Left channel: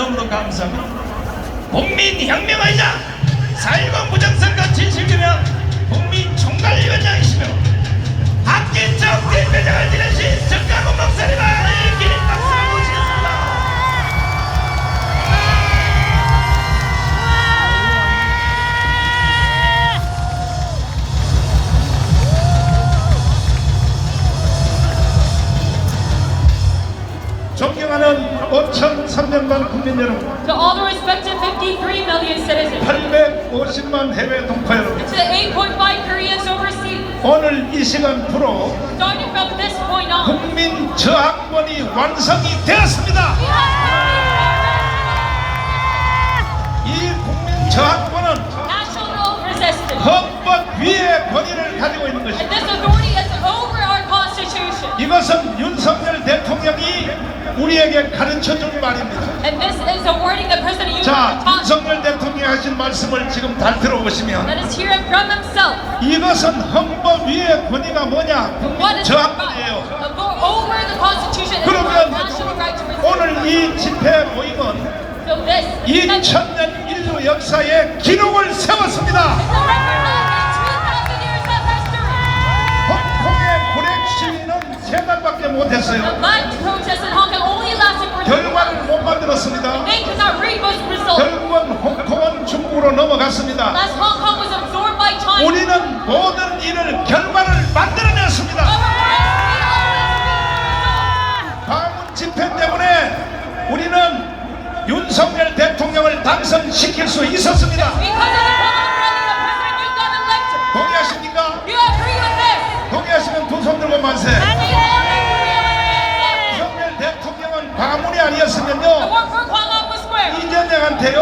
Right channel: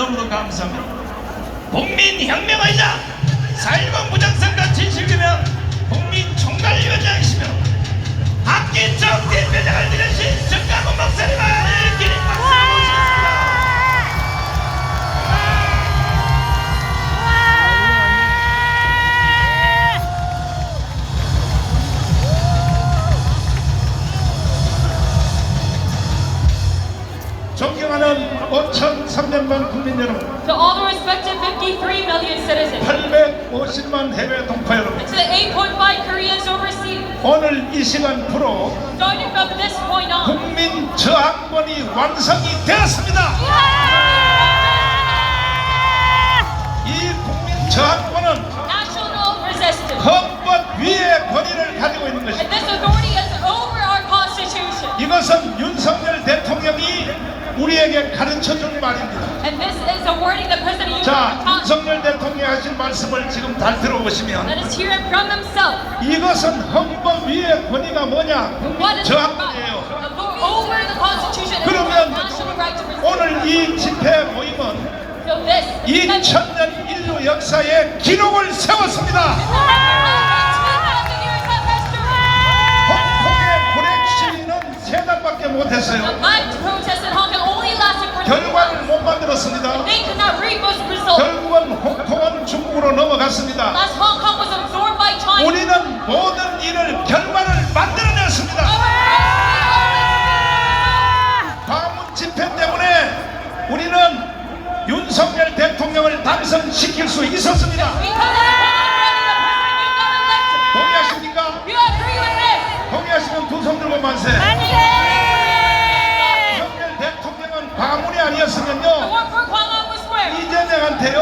너무도 감사합니다. 국민혁명이자 4.19 무장선거 지식이며 국민총괄위원장이시며 박기정 대표장을 지내신 정강훈 목사님을 기립 박수로 모시겠습니다. 존경하는 5,300만 국민 여러분, To all the respected 53 million citizens, 850만 해외 동포 여러분, to the 8.5 Koreans overseas, 오늘 이 시간부로 starting from this point on, 국민 저항권이 완성이 되었습니다. 이 국민 저항권은 national resistance. 헌법 위의 권위를 가지고 있는 And 것입니다. this authority is over our constitution. 이것은 윤석열 대통령이 우리에게 가르쳐준 말입니다. And this is a wording that President Yoon 자, taught. 윤석열 대통령이 하신 말씀을 지금 다 들어보시면 Let us hear it from himself. 이것은 헌법 위의 권위가 뭐냐? What 국민 is 저항권이에요. over the constitution is our 그러면 national right to resist. 오늘 이 집회 모임은 So this is 2000년 인류 역사의 기록을 세웠습니다. the record of 2,000 years of history. 홍콩의 불행 시위는 3달밖에 못했어요. The black protests in Hong Kong only lasted for 2 결과를 months. 못 만들었습니다. They could not reap those results. 결국은 홍콩은 중국으로 넘어갔습니다. Last Hong Kong was absorbed by China. 우리는 모든 일을 결과를 만들어냈습니다. However, for us, we always reap the results. 광운 집회 때문에 우리는 윤석열 대통령을 당선시킬 수 있었습니다. Because of the President you got elected. 동의하십니까? You agree with this? 동의하시면 두 손 들고 만세. We all 윤석열 대통령은 광운이 The 아니었으면요 work for Gwanghwamun was square. 이재명한테요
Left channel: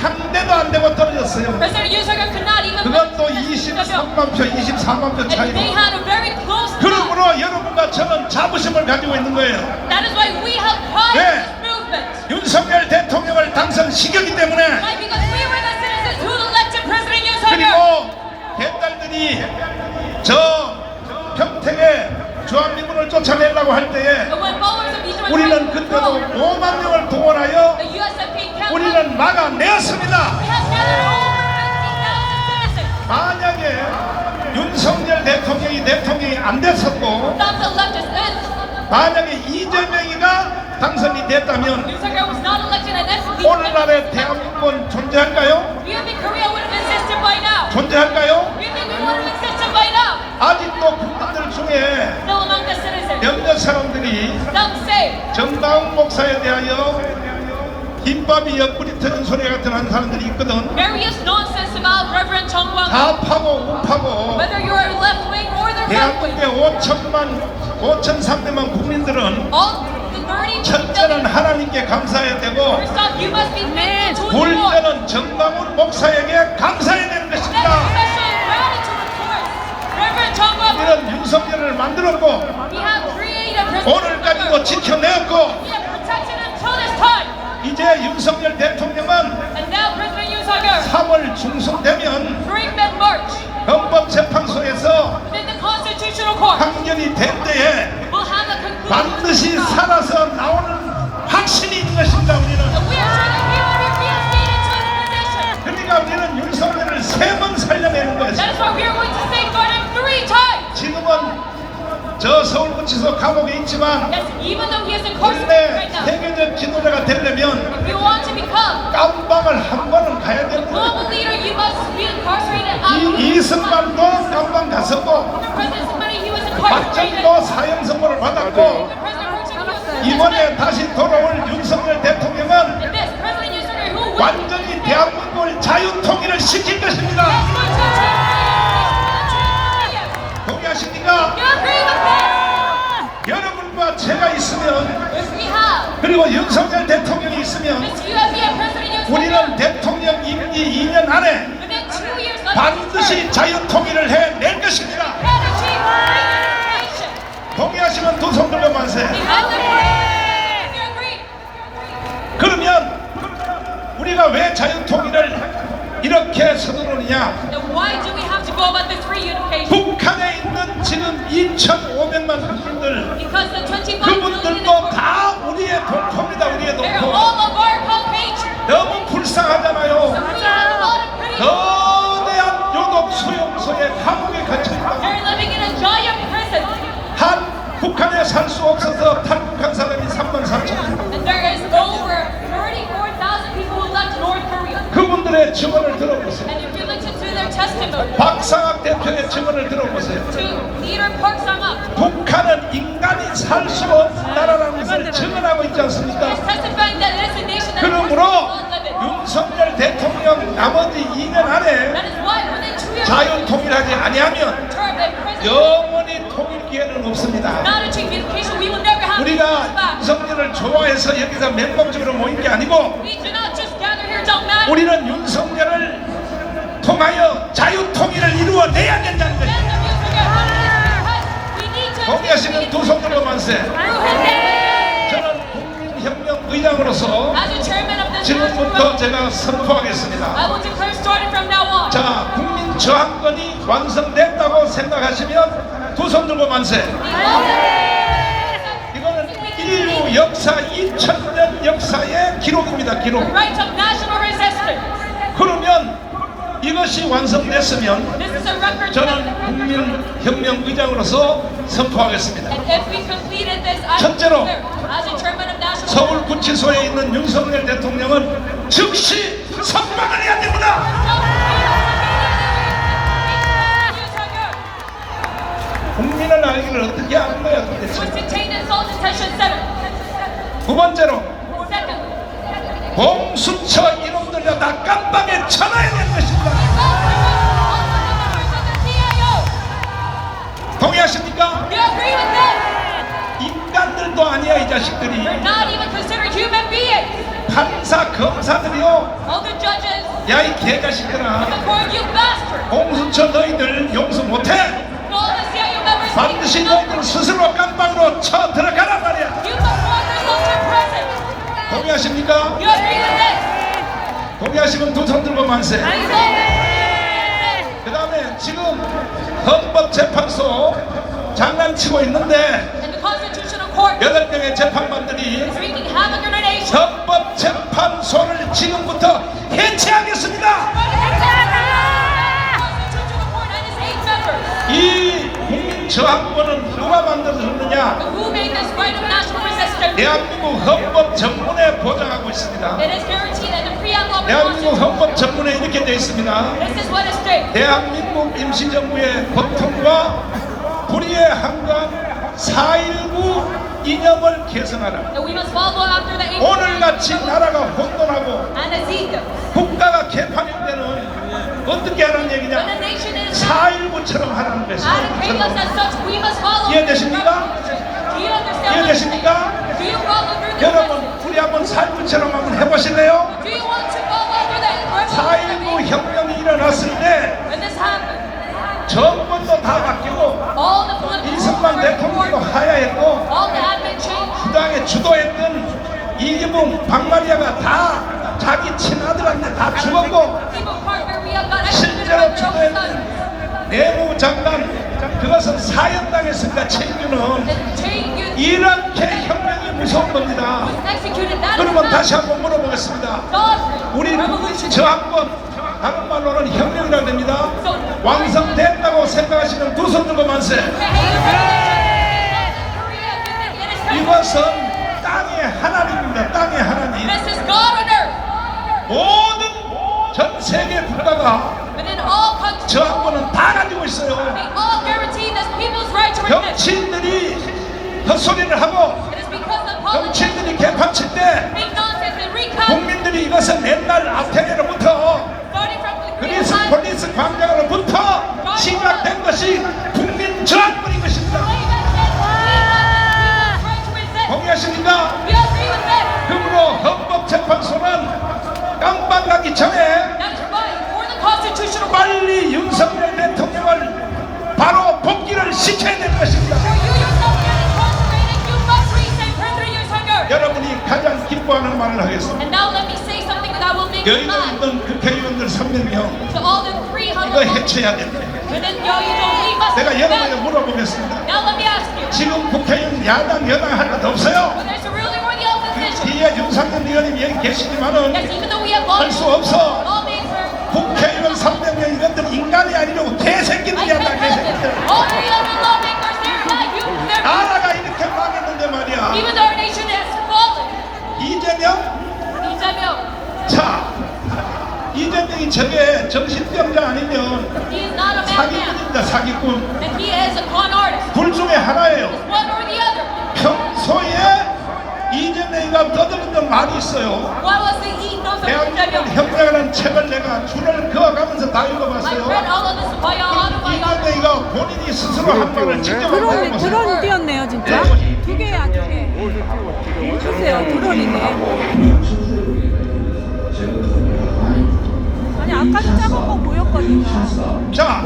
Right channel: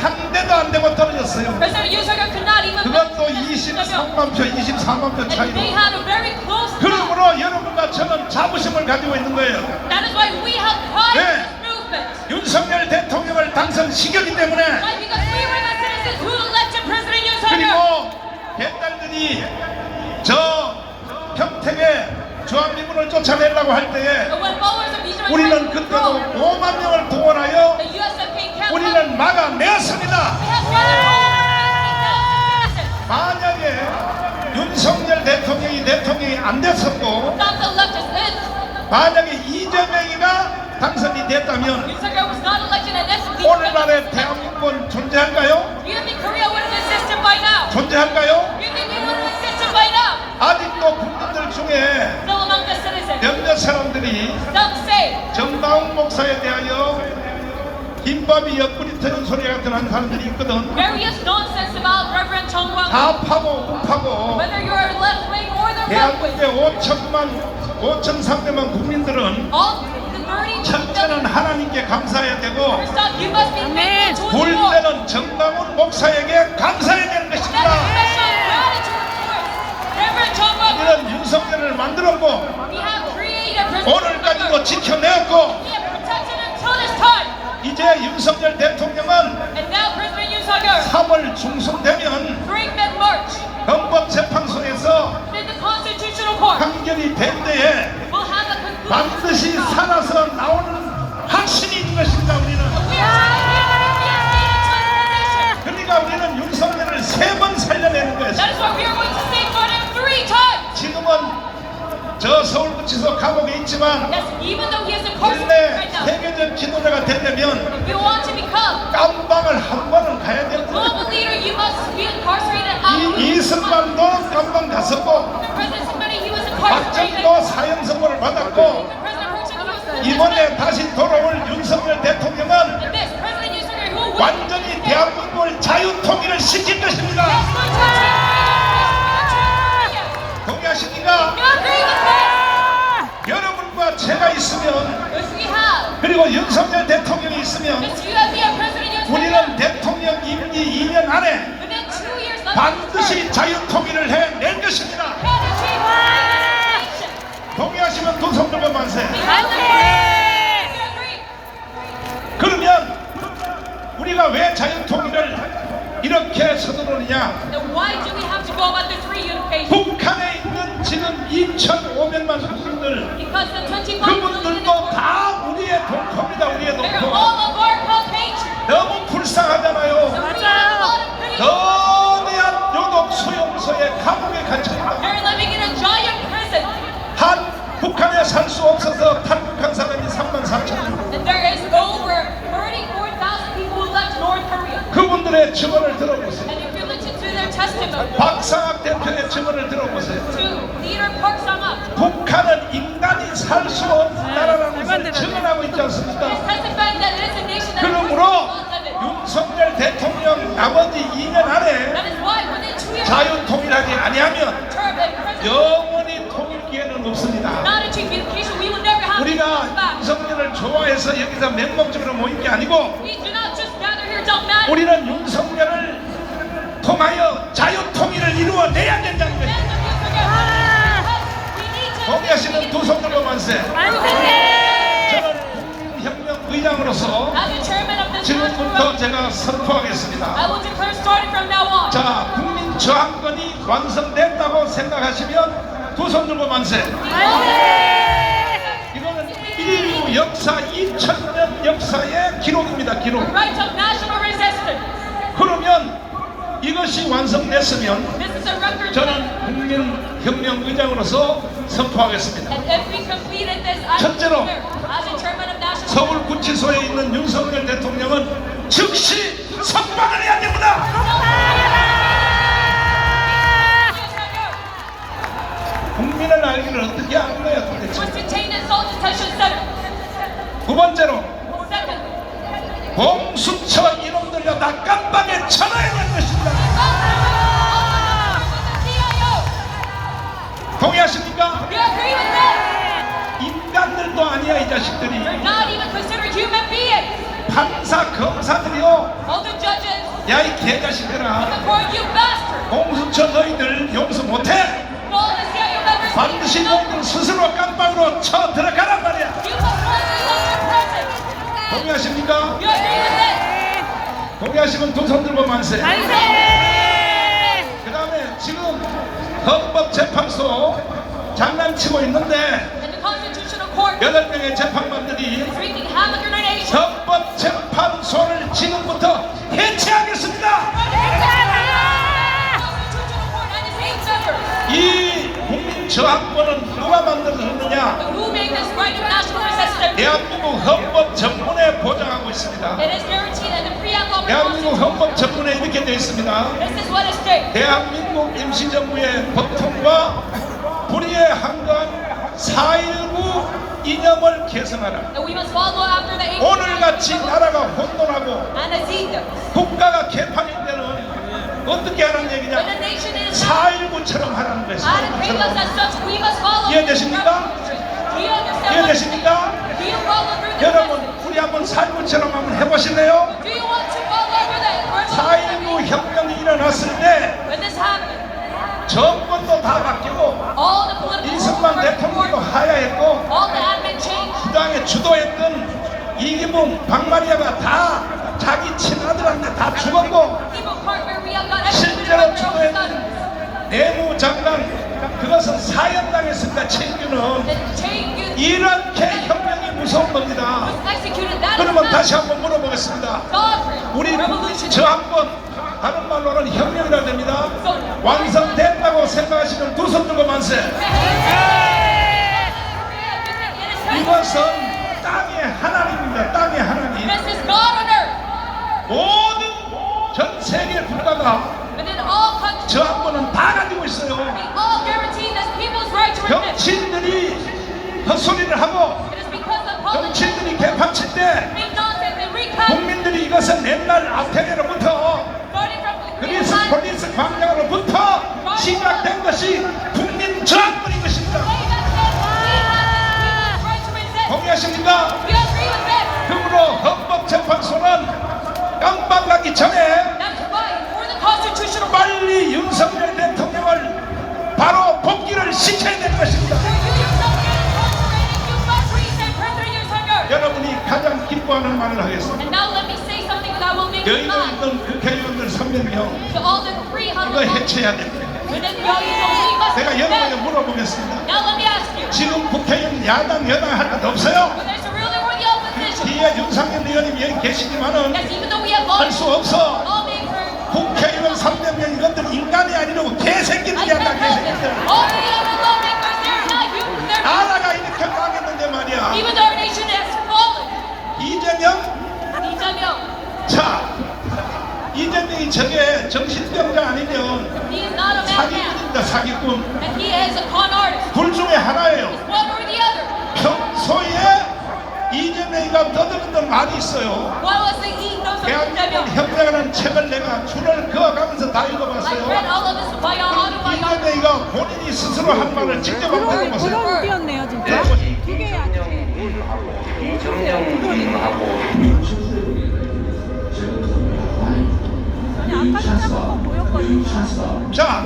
상대도 안 되고 떨어졌어요. President Yoon Suk-yeol could not even 그것도 23만 표, 24만 표 and they 차이로. had a very close tie. 그러므로 여러분과 저는 자부심을 가지고 있는 거예요. That is why we have pride in 네. this movement. 윤석열 대통령을 당선시켰기 때문에. Why? Because we were the citizens who elected President Yoon Suk-yeol. 그리고 옛날들이 저 평택에 주한미군을 쫓아내려고 할 때에 But when followers of Lee 우리는 그때도 5만 명을 동원하여 the USFK kept 우리는 막아내었습니다. has had over 50,000 citizens. 만약에 윤석열 대통령이 안 됐었고 Not elected this. 만약에 이재명이가 당선이 됐다면 Yoon Suk-yeol was not elected and this. 오늘날의 대한민국은 존재할까요? Do you think Korea would have existed by now? 존재할까요? Do you think we would have existed by now? 아직도 국민들 중에 Still among the citizens. 몇몇 사람들이 Some say 정다운 목사에 대하여 김밥이 옆구리 터진 소리 같은 하는 사람들이 있거든. various nonsense about Reverend Chung Wang. 다 파고 우파고 Whether you're left wing or the right wing, 대한민국의 5,300만 국민들은 all the 30 첫째는 하나님께 감사해야 되고 First off, you must be thankful to the Lord. 둘째는 정다운 목사에게 감사해야 되는 That's 것입니다. special gratitude for it. Reverend Chung Wang, 우리는 윤석열을 만들었고 we have created President 오늘까지도 지켜내었고 We have protected until this time. 이제 윤석열 대통령은 And now President Yoon Suk-yeol, 3월 중순 되면 during mid-March, 헌법재판소에서 in the Constitutional Court, 판결이 될 때에 will have a conclusion. 반드시 살아서 나오는 확신이 있는 것입니다. 우리는 We are reinstated to the nation. 그러니까 우리는 윤석열을 3번 살려내는 거예요. That is why we are going to safeguard him 3 times. 지금은 저 서울구치소 감옥에 있지만 Yes, even though he is incarcerated 원래 right now, 세계적 지도자가 되려면 if you want to become 깜방을 한 번은 가야 되는 global 거예요. leader, you must be incarcerated out. 이승만도 깜방 갔었고 President Sukmani, he was incarcerated. 박정희도 사형 선고를 받았고 President Park 이번에 다시 돌아올 윤석열 대통령은 this President Yoon Suk-yeol, who will 완전히 대한민국을 자유통일을 시킬 것입니다. 동의하십니까? You agree with this? 여러분과 제가 있으면 If we have, 그리고 윤석열 대통령이 있으면 if you have President Yoon Suk-yeol, 우리는 대통령 임기 2년 안에 within 2 years, 반드시 자유통일을 해낼 것입니다. 동의하시면 두 손 들고 만세. 그러면 우리가 왜 자유통일을 이렇게 서두르느냐? Then why do we have to go about this reunification? 북한에 있는 지금 2,500만 국민들 Because the 25 million 그분들도 다 우리의 동포입니다. 우리의 they're 동포. all of our 박상학 대표의 증언을 들어보세요. to leader Park Sang-up. 북한은 인간이 살 수 없는 나라라는 것을 증언하고 있지 않습니까? He is testifying that it is a nation that 그러므로 live in. 윤석열 대통령 나머지 2년 안에 That is why when they truly 자유통일하지 아니하면 turban president, 영원히 통일 기회는 없습니다. not achieve unification, we will never have 우리가 peace back. 윤석열을 좋아해서 여기서 맹목적으로 모인 게 아니고 We do not just gather here to matter. 우리는 윤석열을 통하여 자유통일을 이루어내야 된다는 것입니다. 동의하시는 두 손으로 만세. 저는 국민혁명 의장으로서 지금부터 제가 선포하겠습니다. 자, 국민 저항권이 완성됐다고 생각하시면 두 손 들고 만세. 이거는 인류 역사 2000년 역사의 기록입니다. 기록. 그러면 이것이 완성됐으면 저는 국민혁명 의장으로서 선포하겠습니다. 첫째로 서울구치소에 있는 윤석열 대통령은 즉시 석방을 해야 됩니다. 국민을 알기를 어떻게 하는 거야 도대체. 두 번째로 공수처 이놈들과 다 깜빡에 쳐놔야 될 것입니다. 동의하십니까? 인간들도 아니야 이 자식들이. 판사 검사들이요. 야 이 개자식들아, 공수처 너희들 용서 못해. 반드시 너희들 스스로 깜빡으로 쳐 들어가란 말이야. 동의하십니까? 동의하시면 두 손 들고 만세. 그 다음에 지금 헌법재판소 장난치고 있는데 8명의 재판관들이 헌법재판소를 지금부터 해체하겠습니다. 이 국민저항권은 누가 만들었느냐? 대한민국 헌법 전문에 보장하고 있습니다. 대한민국 헌법 전문에 이렇게 되어 있습니다. 대한민국 임시정부의 법통과 불의에 항거한 4.19 이념을 개선하라. 오늘같이 나라가 혼돈하고 국가가 개판일 때는 어떻게 하라는 얘기냐? 4.19처럼 하라는 거예요. 4.19처럼. 이해되십니까? 이해되십니까? 여러분 우리 한번 4.19처럼 한번 해보실래요? 4.19 혁명이 일어났을 때 정권도 다 바뀌고 이승만 대통령도 하야했고 수당에 주도했던 이기붕, 박마리아가 다 자기 친아들한테 다 죽었고 실제로 주도했던 내무장관 그것은 사형당했으니까 책임은 이런 대혁명이 무서운 겁니다. 그러면 다시 한번 물어보겠습니다. 우리 국민 저항권 다른 말로는 혁명이라고 됩니다. 완성됐다고 생각하시는 두 손 들고 만세. 이것은 땅의 하나님입니다. 땅의 하나님. 모든 전 세계 국가가 저항권은 다 가지고 있어요. 정치인들이 헛소리를 하고 정치인들이 개판칠 때 국민들이 이것을 맨날 아테네로부터 그리스 폴리스 광장으로부터 시작된 것이 국민 저항권인 것입니다. 동의하십니까? 그러므로 헌법재판소는 깜빡 나기 전에 빨리 윤석열 대통령을 바로 복귀를 시켜야 될 것입니다. 여러분이 가장 기뻐하는 말을 하겠습니다. 여의도 있던 국회의원들 300명 이거 해체해야 됩니다. 내가 여러분에게 물어보겠습니다. 지금 국회의원 야당 여당 할 것 없어요? 뒤에 윤석열 의원님 여기 계시지만은 할 수 없어. 국회의원 300명 이것들 인간이 아니라고 개새끼들이 한다. 개새끼들. 나라가 이렇게 망했는데 말이야. 이재명? 자, 이재명이 이 저게 정신병자 아니면 He is not a madman. 사기꾼입니다. 사기꾼. And he is a con artist. 둘 중에 하나예요. One or the other. 평소에 이재명이가 떠드는 말이 있어요. What was the he knows 대한민국 혁명이라는 책을 내가 줄을 그어가면서 다 I've read 읽어봤어요. all of this autobiography. 이재명이가 본인이 스스로 한 말을 직접 한번 드론이 해보세요. 뛰었네요 진짜. 두 개야 두 개. 보세요 드론이네. 아니 아까 전에 한거 보였거든요. 자,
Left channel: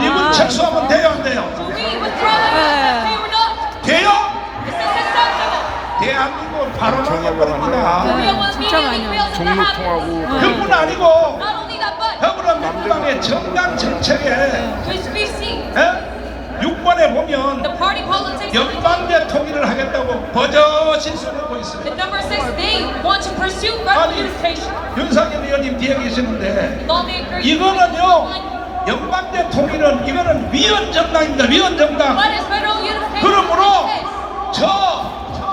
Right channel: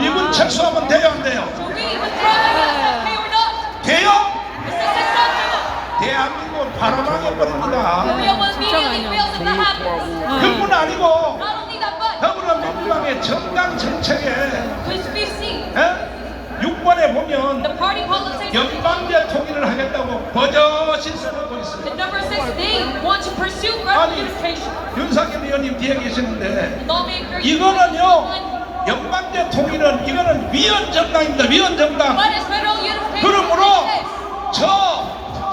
이분 착수하면 돼요, 안 돼요? To read with brother, you say or not. 돼요? This is acceptable. 대한민국은 바로 망해버립니다. Korea will 진짜 immediately 많이 fail to happen. 그뿐 아니고 Not only that, but 더불어민주당의 정당 정책에 this BC, 6번에 보면 the party politics. 연방제 통일을 하겠다고 버젓이 쏘고 And 있습니다. number 6, they want to pursue federal unification. 윤석열 의원님 뒤에 계시는데 Lawmakers. 이거는요, 연방제 통일은 이거는 위헌 정당입니다. 위헌 정당. What is federal unification? 그러므로 저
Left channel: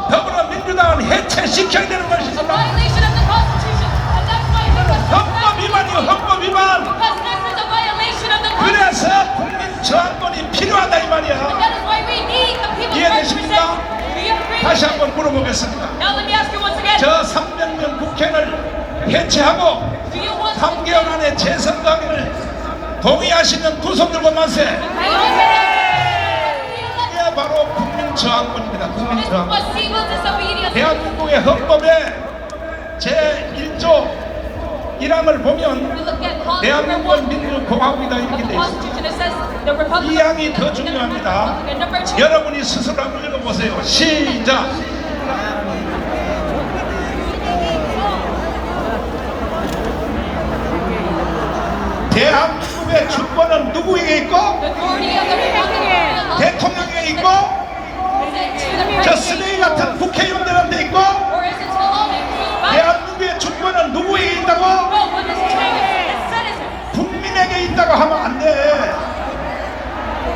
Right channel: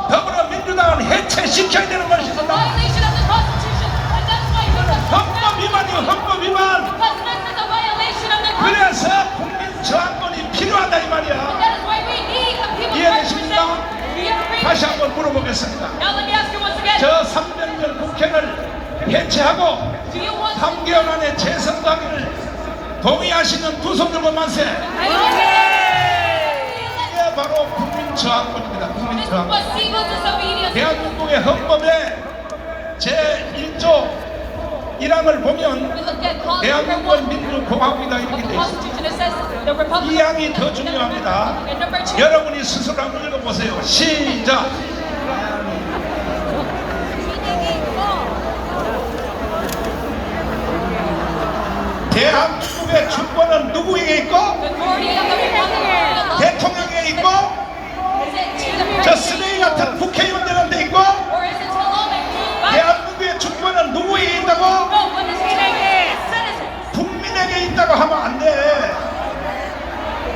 더불어민주당은 해체시켜야 되는 것입니다. Violation of the Constitution. And that's why 헌법 위반이요, 헌법 위반. because this is a violation of the Constitution. 그래서 국민 저항권이 필요하다 이 말이야. That is why we need the people's 이해되십니까? representation. Do you agree? 다시 한번 물어보겠습니다. Now let me ask you once again. 저 300년 국회를 해체하고 Do you want 3개월 안에 재선당을 동의하시는 두 손 들고 만세. 이게 바로 국민 저항권입니다. 국민 This is 저항권. what civil disobedience. 대한민국의 헌법에 제1조 1항을 보면 We look at clause number 대한민국은 1 민주공화국이다 of 이렇게 the 돼 있습니다. Constitution. It says the Republic. 이 항이 더 중요합니다. And number 2. 여러분이 스스로 한번 읽어보세요. 시작. 대한민국의 주권은 누구에게 있고 Authority of the Republic. 대통령에게 있고 저 쓰레기 같은 국회의원들한테 있고 Or is it to the lawmakers? 대한민국의 주권은 누구에게 있다고? No, what is it? Citizen. 국민에게 있다고 하면 안 돼.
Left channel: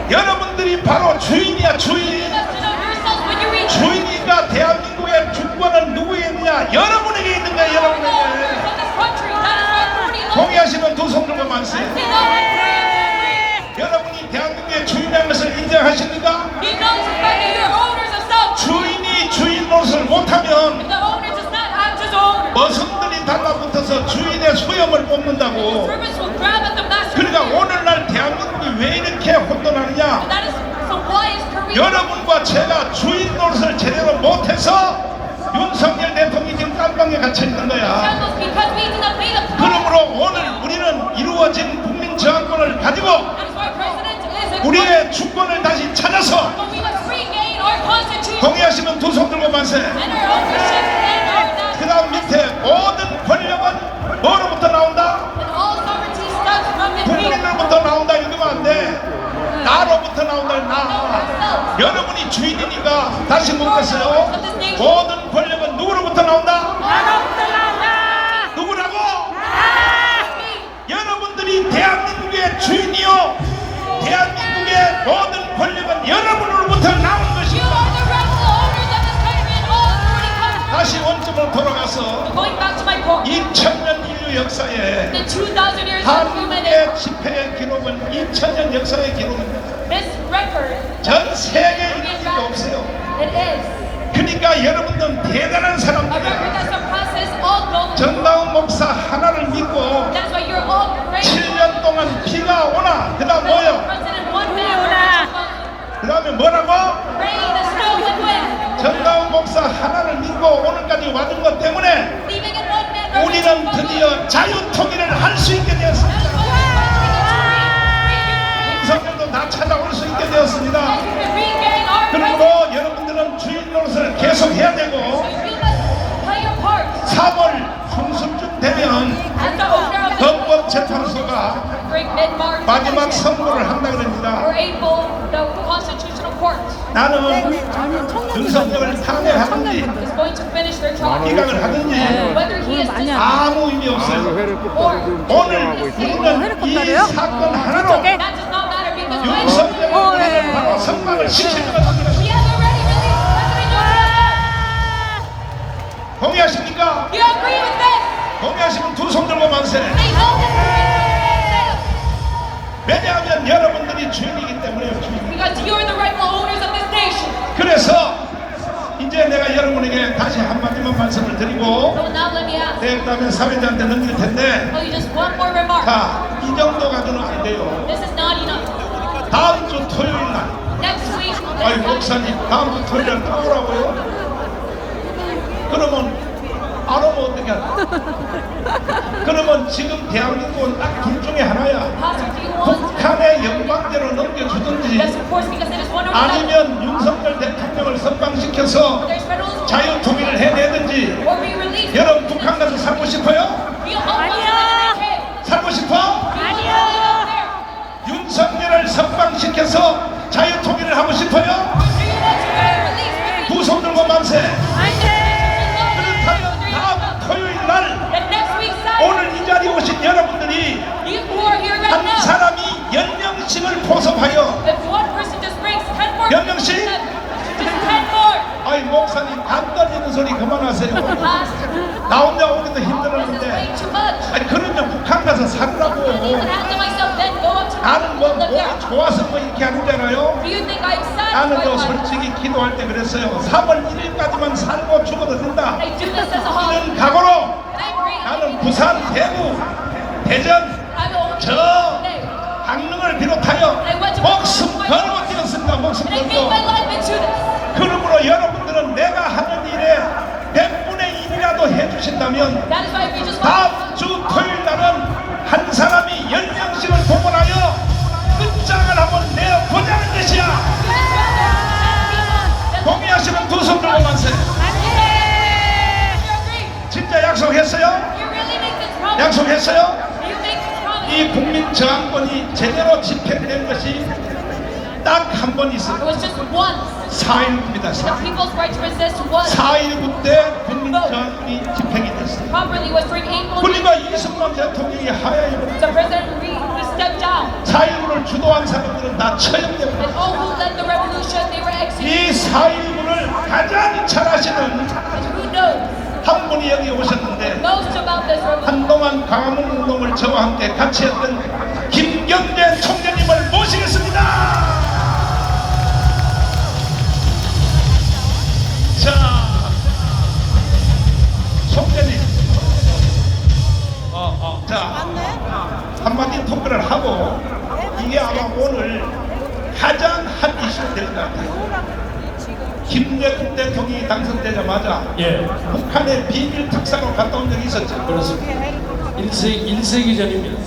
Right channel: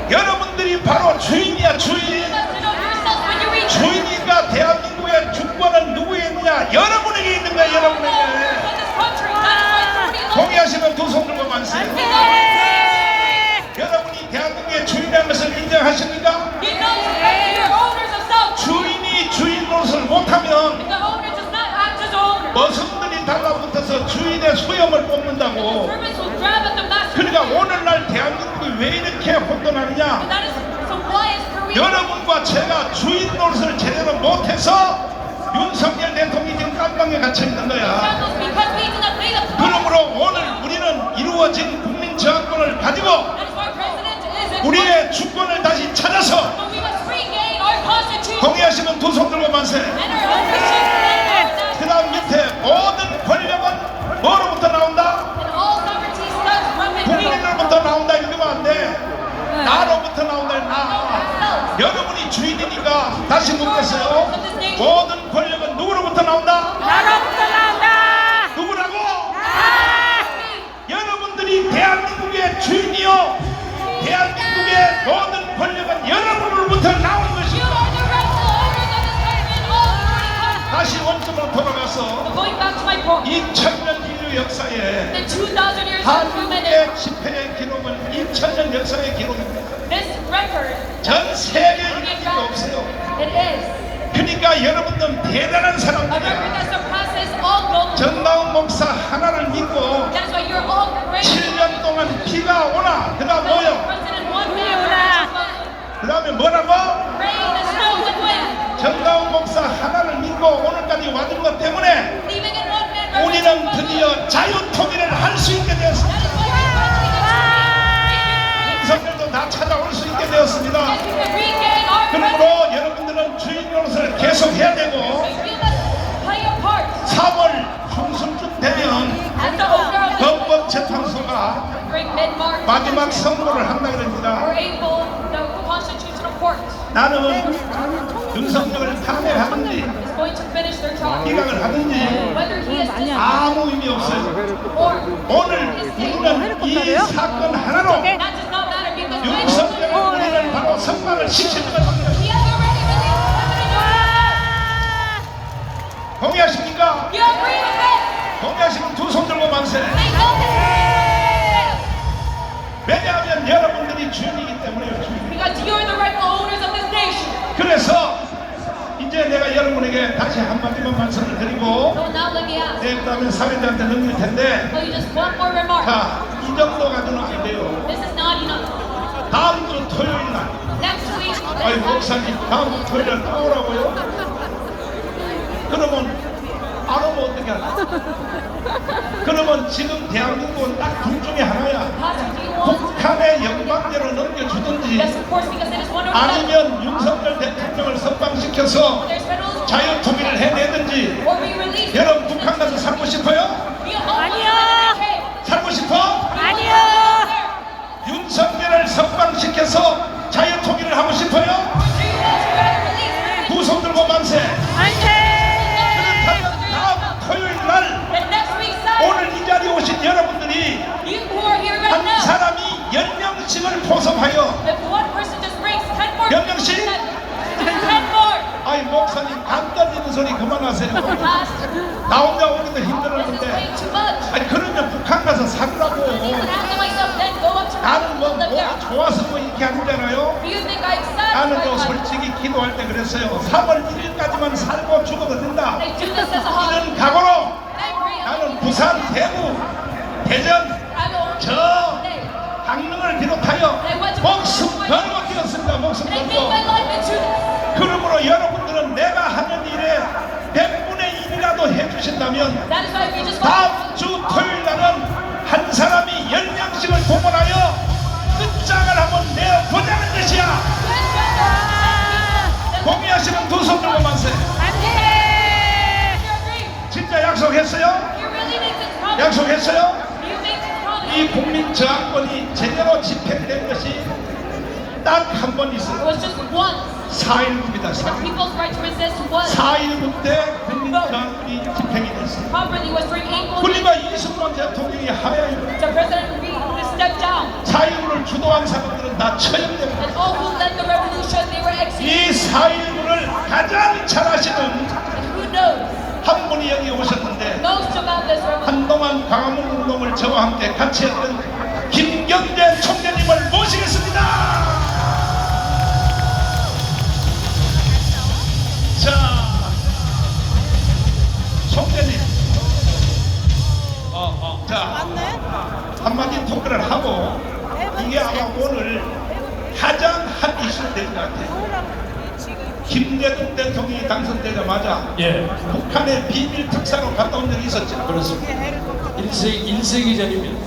여러분들이 바로 주인이야, 주인. You must know yourself when you read. 주인이니까 대한민국의 주권은 누구에게 있느냐? 여러분에게 있는 거야, 여러분에게. From this country, that is why authority lies. 동의하시면 두 손 들고 만세. 여러분이 대한민국의 주인이라는 것을 인정하십니까? You know that you're owners of self. 주인이 주인 노릇을 못하면 The owner does not act as owner. 너선들이 달라붙어서 주인의 수염을 뽑는다고. Servants will grab at the master. 그러니까 오늘날 대한민국이 왜 이렇게 혼돈하느냐? That is so why is Korea? 여러분과 제가 주인 노릇을 제대로 못해서 윤석열 대통령이 지금 깜방에 갇혀 있는 거야. Because we do not pay the price. 그러므로 오늘 우리는 이루어진 국민 저항권을 가지고 That's why president is in 우리의 주권을 다시 찾아서 But we must regain our constitution 동의하시는 두 손 들고 만세. and our official and our national. 그 다음 밑에 모든 권력은 뭐로부터 나온다? And all sovereignty starts from the people. 국민으로부터 나온다 이러면 안 돼. 나로부터 나온다 나. 여러분이 주인이니까 다시 묻겠어요. 모든 권력은 누구로부터 나온다? 나로부터 나온다. 누구라고? 여러분들이 대한민국의 주인이요. 대한민국의 모든 권력은 여러분으로부터 나온 You 것이다. are the rightful owners of this country and all authority comes. 다시 원점으로 돌아가서 Going back to my point. 2000년 인류 역사에 In 2,000 years of human 한국의 집회의 기록은 2000년 역사의 기록입니다. this record, 전 세계 이렇게 없어요. it is 그러니까 여러분들은 대단한 a record 사람들이야. that surpasses all gold. 전나온 목사 하나를 믿고 That's why you're all great. 7년 동안 비가 오나 그 다음 뭐요? President one 눈이 man, 오나. 그 다음에 뭐라고? rain and snow and wind. 전나온 목사 하나를 믿고 오늘까지 와준 것 때문에 Even in one man, 우리는 드디어 자유통일을 할 수 있게 되었습니다. 성령도 다 찾아올 수 있게 되었습니다. regain our 그러므로 여러분들은 주인 노릇을 계속 해야 되고 You must play your part. 3월 중순쯤 되면 At the order of the 헌법재판소가 great mid-March, 마지막 선고를 한다고 or 합니다. April, the Constitutional Court 나는 윤석열을 탄핵하든지 is going to finish their trial. 기각을 하든지 Whether he is 많이 하네. 아무 의미 없어요. or 오늘 우리는 이 헬리콥터로요? 사건 하나로 저게? that does not matter because 윤석열을 예. 바로 선발을 시키는 겁니다. he has already released the 동의하십니까? You agree with this? 동의하시면 두 손 들고 만세. Amen. 왜냐하면 여러분들이 주인이기 때문에. Because you are the rightful owners of this nation. 그래서 이제 내가 여러분에게 다시 한마디만 말씀을 드리고 So now let me ask. 그다음에 사회자한테 넘길 텐데, Well, you just one more remark. 자, 이 정도 가지고는 안 돼요. This is not enough. 다음 주 토요일 날, Next week, 아니 목사님 다음 주 토요일 날 오라고요? 그러면 안 오면 어떻게 하나? 그러면 지금 대한민국은 딱 둘 중에 하나야. Pastor, do you want? 북한의 영광대로 넘겨주든지 Yes, of course, because it is one or the other. 아니면 윤석열 대통령을 선방시켜서 There's federalism. 자유통일을 해내든지. Or we release. 여러분 북한 가서 살고 싶어요? 아니요. 살고 싶어? 아니요. 윤석열을 선방시켜서 자유통일을 하고 싶어요? 두 손 들고 만세. 안돼. 그렇다면 다음 토요일 날 And next week, Sunday, 오늘 이 자리에 오신 여러분들이 you who are here right 한 now, 사람이 10명씩을 포섭하여, if one person just brings 10 more, 몇 명씩? just 10 more. 아이 목사님 간 떨리는 소리 그만하세요. Pastor, 나 혼자 오기도 this is 힘들었는데. way too much. 아니 그러면 북한 가서 살라고. Even after myself, then go up to 나는 뭐 live there. 좋아서 뭐 이렇게 하는 줄 알아요? Do you think I'm sad? 나는요 솔직히 기도할 때 그랬어요. 3월 1일까지만 살고 죽어도 된다. I do this as a hobby. 이런 각오로 And I pray. 나는 부산, 대구, 대전, I don't 저 okay. 강릉을 비롯하여 목숨 걸고 뛰었습니다. 목숨 And I gave my 걸고. life into this. 그러므로 여러분들은 내가 하는 일에 100분의 1이라도 해주신다면 That is why we just 다음 주 토요일 날은 한 사람이 10명씩을 동원하여 끝장을 한번 내어보자는 것이야. 동의하시는 두 손 들고 가세요. 안돼. 진짜 약속했어요? You really make this promise. 약속했어요? You make this promise. 이 국민 저항권이 제대로 집행된 것이 딱 한 번 It 있어요. was just once. 4.19입니다. The people's right to resist was 4.19 때 국민 저항권이 집행이 됐어요. properly was during April. 그러니까 이승만 대통령이 하야에 The president stepped down. 4.19를 주도한 사람들은 다 처형됩니다. And all who led the revolution, they were executed. 이 4.19를 가장 잘하시는 And who knows? 한 분이 여기 오셨는데 Knows about this revolution. 한동안 광화문 운동을 저와 함께 같이 했던 김경재 총재님을 모시겠습니다. 자, 총재님. 자, 맞네. 한마디 토크를 하고 이게 아마 오늘 가장 핫 이슈가 될 것 같아요. 김대중 대통령이 당선되자마자 북한의 비밀 특사로 갔다 온 적이 있었죠. 그렇습니다. 1세기 전입니다.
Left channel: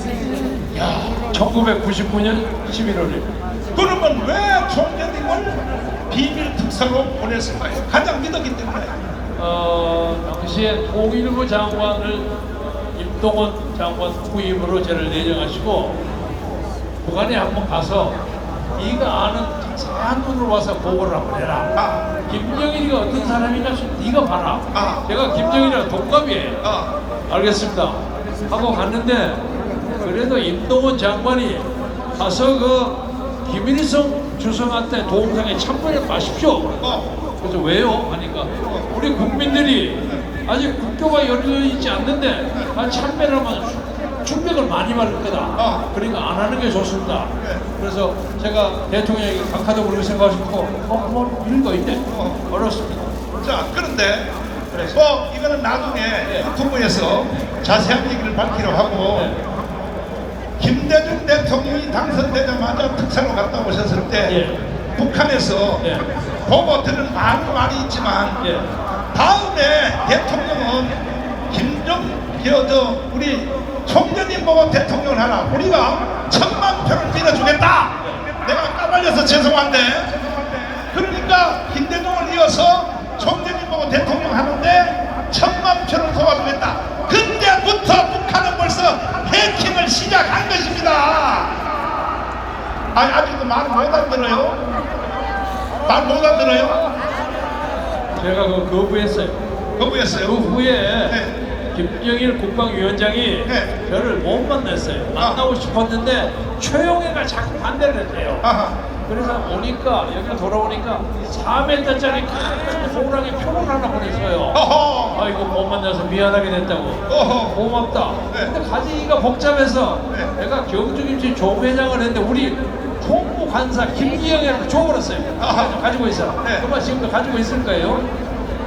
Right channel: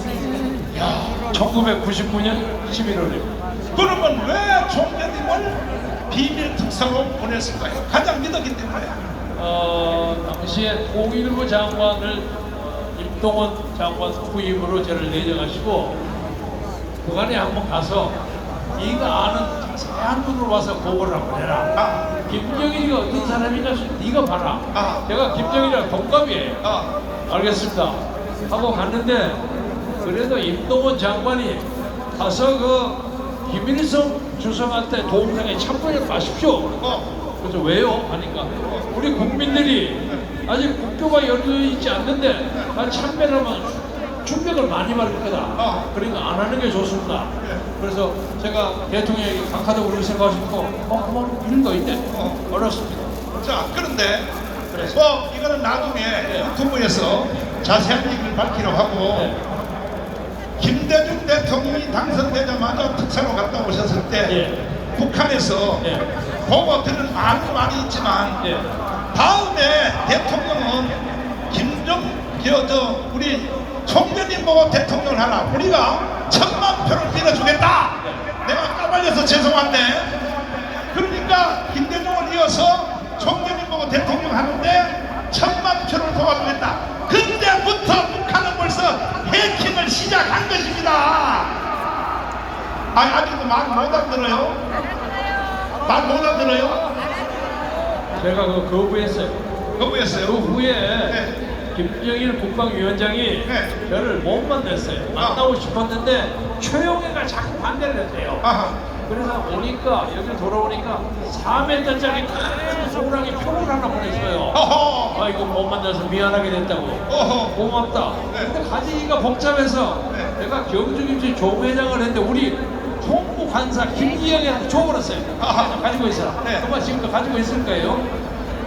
1999년 11월이에요. 그러면 왜 총재님을 비밀 특사로 보냈을까요? 가장 믿었기 때문에. 당시에 통일부 장관을 임동원 장관 후임으로 저를 내정하시고 북한에 한번 가서 네가 아는 자세한 분으로 와서 보고를 한번 해라. 김정일이가 어떤 사람이냐 네가 봐라. 제가 김정일이랑 동갑이에요. 알겠습니다. 하고 갔는데 그래도 임동원 장관이 가서 그 김일성 주석한테 도움상에 참관해 가십시오. 그래서 왜요? 하니까 우리 국민들이 아직 국교가 열려있지 않는데 참배를 하면 충격을 많이 받을 거다. 그러니까 안 하는 게 좋습니다. 그래서 제가 대통령이 각하적으로 생각하시고 뭐 일도 있네. 어렵습니다. 자, 그런데 뭐 이거는 나중에 유튜브에서 자세한 얘기를 밝히려고 하고 김대중 대통령이 당선되자마자 특사로 갔다 오셨을 때 북한에서 보고 들은 많은 말이 있지만 다음에 대통령은 우리 총재님 보고 대통령을 하라. 우리가 1000만 표를 밀어주겠다. 내가 까발려서 죄송한데 그러니까 김대중을 이어서 총재님 보고 대통령 하는데 1000만 표를 도와주겠다. 그때부터 북한은 벌써 해킹을 시작한 것입니다. 아직도 말 못 알아들어요? 말 못 알아들어요? 제가 그 거부했어요. 거부했어요? 그 후에 네. 김정일 국방위원장이 네. 저를 못 만났어요. 만나고 싶었는데 최영애가 자꾸 반대를 했대요. 아하. 그래서 오니까 여기 돌아오니까 4m짜리 큰 호랑이 표를 하나 보냈어요. 어허. 아 이거 못 만나서 미안하게 됐다고. 어허. 고맙다. 네. 근데 가지기가 복잡해서 네. 내가 경주김치 조회장을 했는데 우리 총무 관사 김기영이라고 줘버렸어요. 아하. 가지고 있어요. 네. 그만 지금도 가지고 있을 거예요.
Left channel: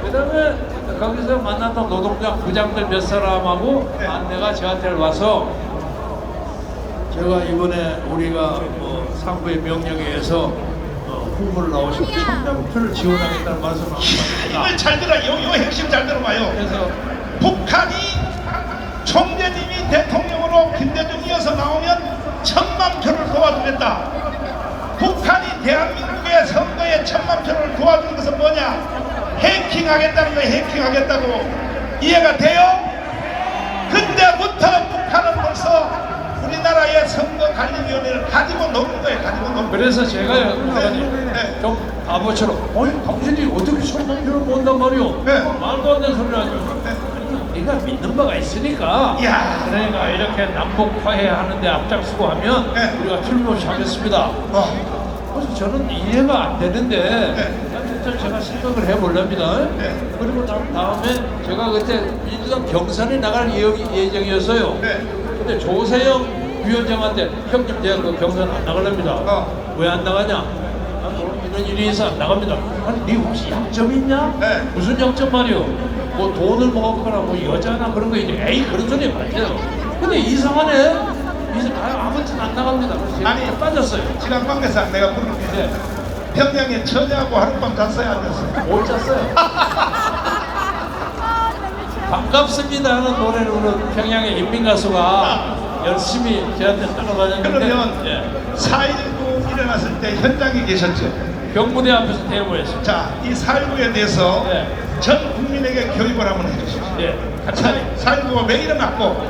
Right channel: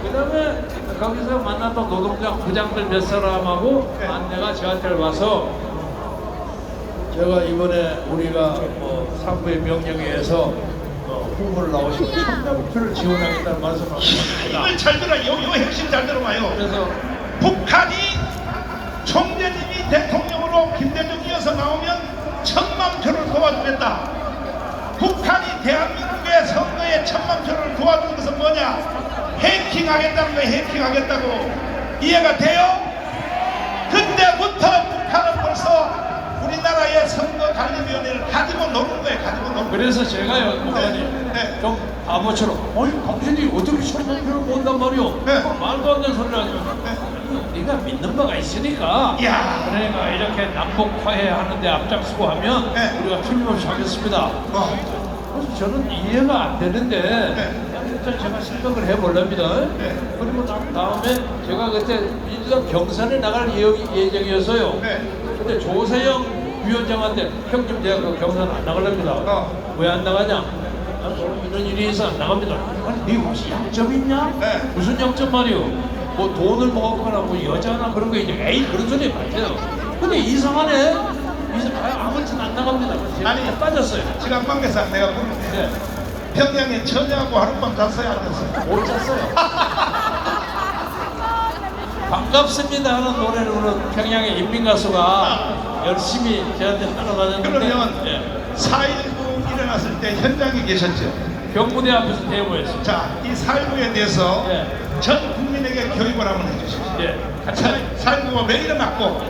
그다음에 거기서 만났던 노동장 부장들 몇 사람하고 네. 안내가 저한테 와서 제가 이번에 우리가 상부의 명령에 의해서 후보를 나오시고 목표를 지원하겠다는 말씀을 이걸 잘 들어. 요 핵심 잘 들어봐요. 그래서 북한이 총재님이 대통령으로 김대중 이어서 나오면 1000만 표를 도와주겠다. 북한이 대한민국의 선거에 1000만 표를 도와주는 것은 뭐냐? 해킹하겠다는 거예요. 해킹하겠다고. 이해가 돼요? 그때부터 북한은 벌써 우리나라의 선거관리위원회를 가지고 노는 거예요. 가지고 노는 거예요. 그래서 제가요, 목사님, 네. 좀 바보처럼, 아니, 당신이 어떻게 1000만 표를 모은단 말이오? 네. 말도 안 되는 소리를 하죠. 네. 우리가 믿는 바가 있으니까, 야. 그러니까 이렇게 남북화해 하는데 앞장서고 하면 네. 우리가 틀림없이 하겠습니다. 그래서 저는 이해가 안 되는데, 일단 제가 생각을 해보렵니다. 네. 그리고 다음에 제가 그때 민주당 경선에 나갈 예정이었어요. 네. 근데 조세영 위원장한테 형님 제가 그 경선 안 나가랍니다. 왜 안 나가냐? 이런 일이 있어 안 나갑니다. 아니 네 혹시 약점 있냐? 네. 무슨 약점 말이오? 뭐 돈을 먹었거나 뭐 여자나 그런 거 이제 에이 그런 소리 맞아요. 근데 이상하네. 아무튼 안 나갑니다. 그래서 아니, 제가 빠졌어요. 지방방대사 내가 부르는데 네. 평양에 처녀하고 하룻밤 잤어요 안 잤어요? 못 잤어요. 반갑습니다 하는 노래를 부른 평양의 인민가수가 열심히 저한테 따라다녔는데 그러면 네. 4.19 일어났을 때 현장에 계셨죠? 병무대 앞에서 대모했어요. 자, 이 4.19에 대해서 네. 전 국민에게 교육을 한번 해주시죠. 네. 4.19가 왜 일어났고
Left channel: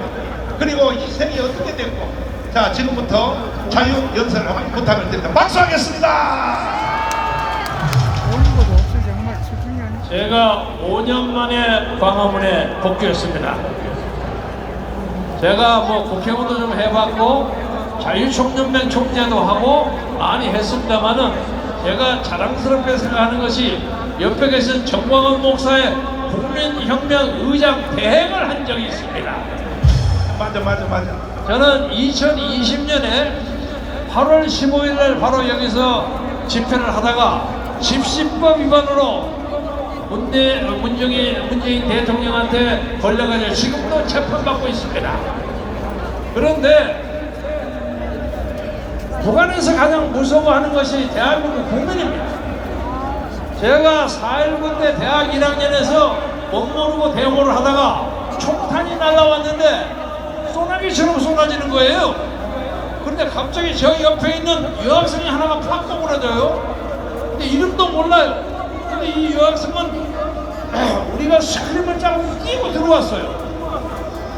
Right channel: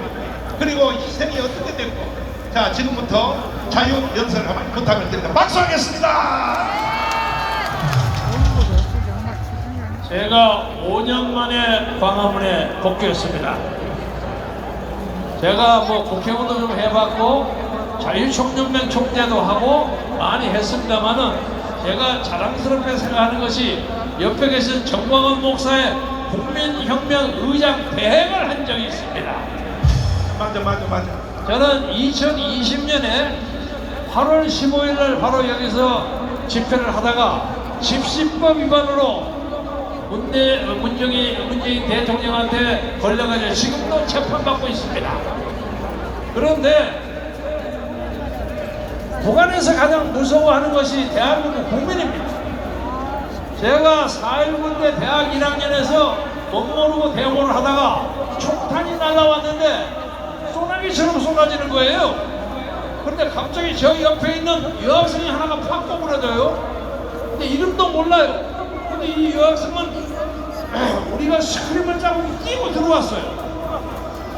그리고 희생이 어떻게 됐고 자, 지금부터 자유연설을 한번 부탁을 드립니다. 박수하겠습니다. 제가 5년 만에 광화문에 복귀했습니다. 제가 뭐 국회의원도 좀 해봤고 자유총연맹 총재도 하고 많이 했습니다만은 제가 자랑스럽게 생각하는 것이 옆에 계신 정광훈 목사의 국민혁명 의장 대행을 한 적이 있습니다. 맞아. 저는 2020년에 8월 15일 날 바로 여기서 집회를 하다가 집시법 위반으로 문재인 대통령한테 걸려가지고 지금도 재판받고 있습니다. 그런데 북한에서 가장 무서워하는 것이 대한민국 국민입니다. 제가 4.19 때 대학 1학년에서 못 모르고 대모를 하다가 총탄이 날라왔는데 소나기처럼 쏟아지는 거예요. 그런데 갑자기 저 옆에 있는 여학생이 하나가 팍 떠버려져요. 근데 이름도 몰라요. 근데 이 여학생은 우리가 스크림을 짜고 뛰고 들어왔어요.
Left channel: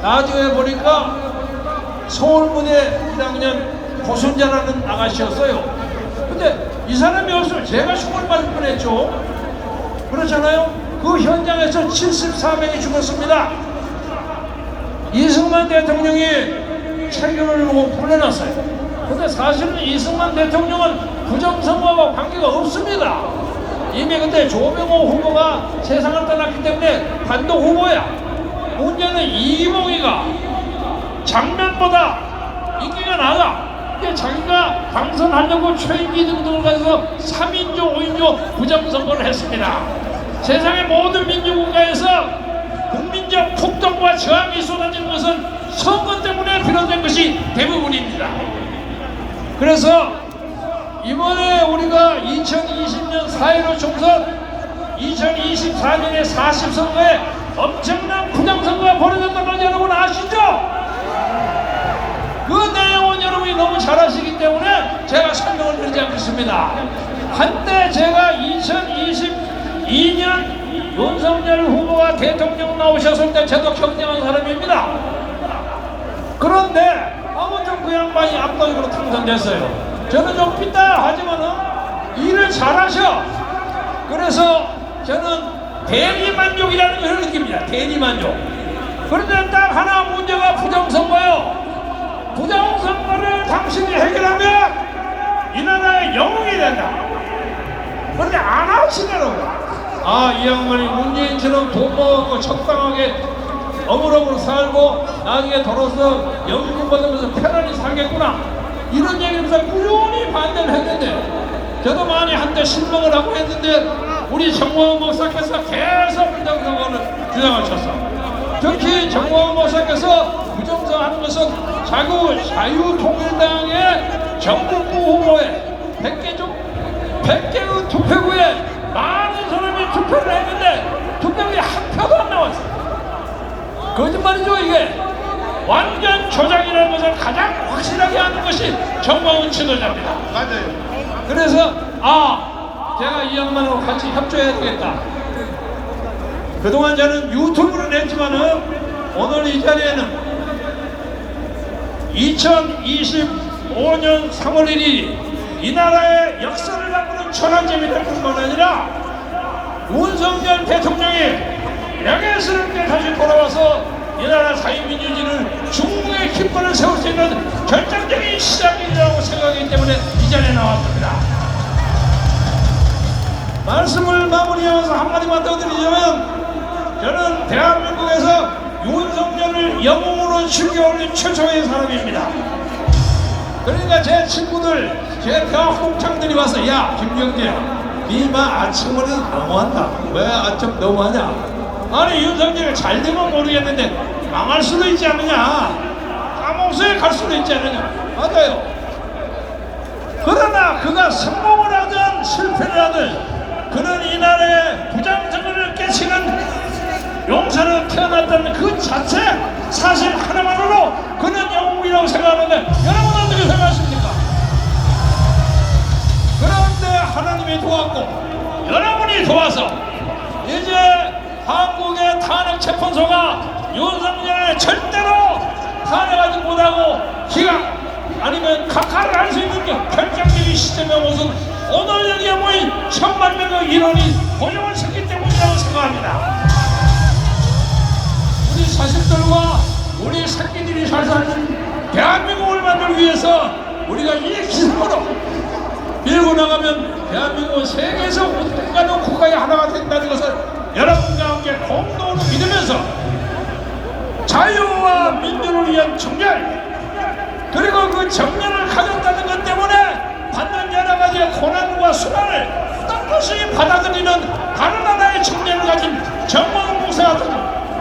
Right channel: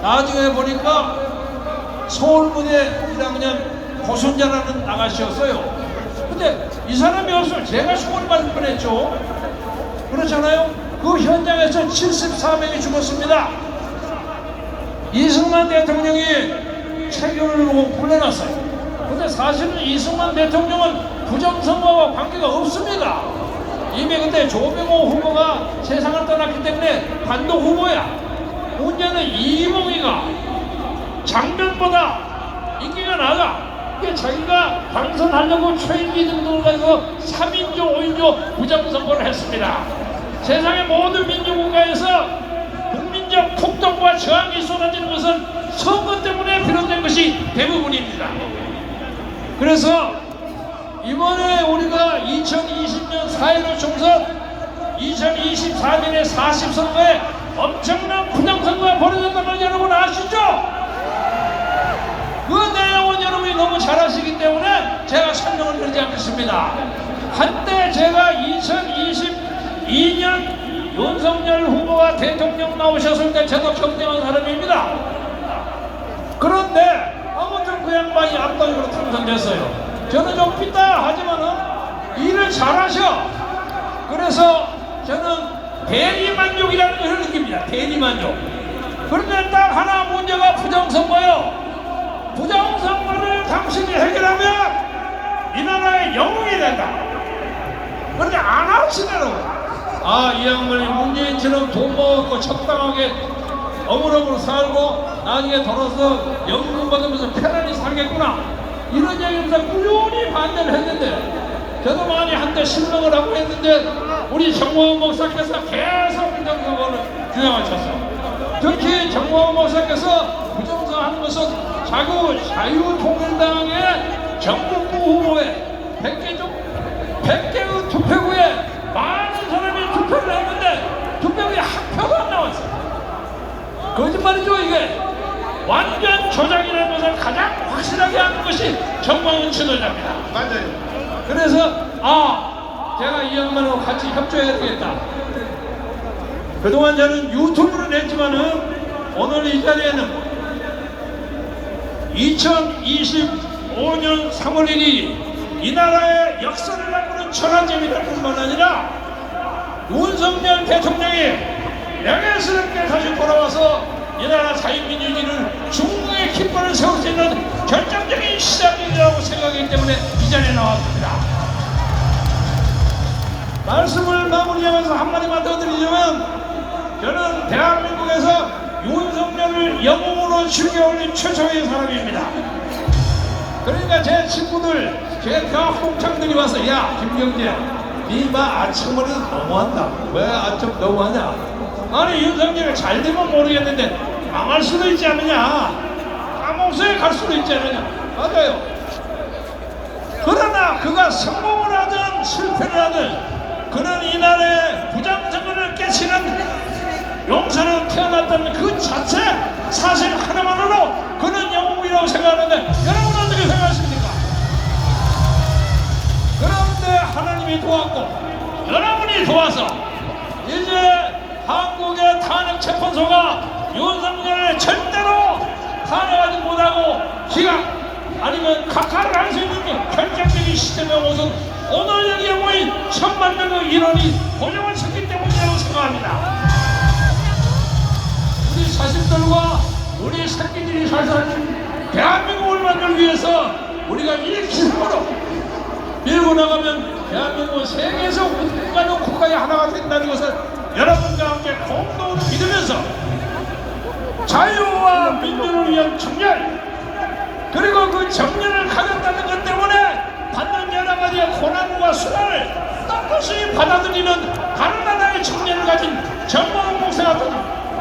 나중에 보니까 서울무대 1학년 고순자라는 아가씨였어요. 근데 이 사람이 없으면 제가 총을 맞을 뻔했죠. 그렇잖아요. 그 현장에서 74명이 죽었습니다. 이승만 대통령이 체결을 보고 불려놨어요. 근데 사실은 이승만 대통령은 부정선거와 관계가 없습니다. 이미 근데 조명호 후보가 세상을 떠났기 때문에 반동 후보야. 문제는 이봉희가 장면보다 인기가 나가. 자기가 당선하려고 초임기 등등을 가서 3인조, 5인조 부정선거를 했습니다. 세상의 모든 민주국가에서 국민적 폭동과 저항이 쏟아지는 것은 선거 때문에 비롯된 것이 대부분입니다. 그래서 이번에 우리가 2020년 4.15 총선, 2024년의 40선거에 엄청난 부정선거가 벌어졌다는 걸 여러분 아시죠? 그 내용은 여러분이 너무 잘 아시기 때문에 제가 설명을 드리지 않겠습니다. 한때 제가 2022년 윤석열 후보가 대통령 나오셨을 때 저도 경쟁한 사람입니다. 그런데 아무튼 그 양반이 압도적으로 당선됐어요. 저는 좀 삐딱 하지만은 일을 잘하셔. 그래서 저는 대리만족이라는 걸 느낍니다. 대리만족. 그런데 딱 하나 문제가 부정선거요. 부정선거를 당신이 해결하면 이 나라의 영웅이 된다. 그런데 안 하시더라고요. 아, 이 양반이 문재인처럼 돈 모아갖고 적당하게 어물어물 살고 나중에 돌아서 연금 받으면서 편안히 살겠구나, 이런 얘기면서 꾸준히 반대를 했는데, 저도 많이 한때 신망을 하고 했는데 우리 정광훈 목사께서 계속 부정선거를 주장하셨어. 특히 정광훈 목사께서 부정선거하는 것은 자꾸 자유통일당의 정국부 후보에 100개의 투표구에 많은 사람이 투표를 했는데 투표구에 한 표도 안 나왔어. 거짓말이죠. 이게 완전 조작이라는 것을 가장 확실하게 하는 것이 정광훈 지도자입니다. 맞아요. 그래서 제가 이 양반하고 같이 협조해야 되겠다. 그동안 저는 유튜브를 냈지만은 오늘 이 자리에는 2025년 3월 1일 이 나라의 역사를 바꾸는 천황제비될 뿐만 아니라 윤석열 대통령이 명예스럽게 다시 돌아와서 이 나라 자유민주주의를 중국의 깃발을 세울 수 있는 결정적인 시작이라고 생각하기 때문에 이 자리에 나왔습니다. 말씀을 마무리하면서 한마디만 더 드리자면, 저는 대한민국에서 윤석열을 영웅으로 죽여올린 최초의 사람입니다. 그러니까 제 친구들, 제 대학 홍청들이 와서, 야 김경재, 니마 아침머리 너무한다. 왜 아침 너무하냐? 아니 윤석열이 잘 되면 모르겠는데 망할 수도 있지 않느냐, 감옥소에 갈 수도 있지 않느냐. 맞아요. 그러나 그가 성공을 하든 실패를 하든 그는 이 나라의 부장성을 깨치는 용사로 태어났다는 그 자체 사실 하나만으로 그는 영웅이라고 생각하는데, 여러분 어떻게 생각하십니까? 그런데 하나님이 도왔고 여러분이 도와서 이제 한국의 탄핵 재판소가 윤석열을 절대로 탄핵하지 못하고 기각 아니면 각하를 할 수 있는 결정적인 시점에 오선 오늘 여기에 모인 천만 명의 인원이 고정을 섰기 때문이라고 생각합니다. 우리 자식들과 우리 새끼들이 살 사는 대한민국을 만들기 위해서 우리가 이 기술으로 밀고 나가면 대한민국은 세계에서 어디가는 국가의 하나가 된다는 것을 여러분과 함께 공동으로 믿으면서 자유와 민주를 위한 정렬, 그리고 그 정렬을 가졌다는 것 때문에 받는 여러 가지의 고난과 수고를 떳떳이 받아들이는 다른 하나의 측면을 가진 정광훈 목사 같은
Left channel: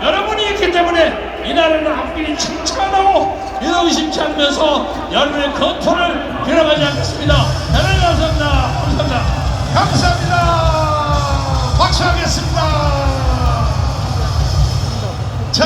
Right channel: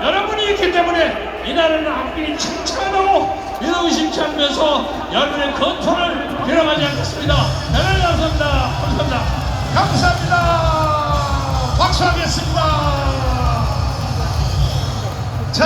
여러분이 있기 때문에 이 나라는 앞길이 칭찬하고 의심치 않으면서 여러분의 건투를 빌어가지 않겠습니다. 대단히 감사합니다. 감사합니다. 감사합니다. 박수하겠습니다.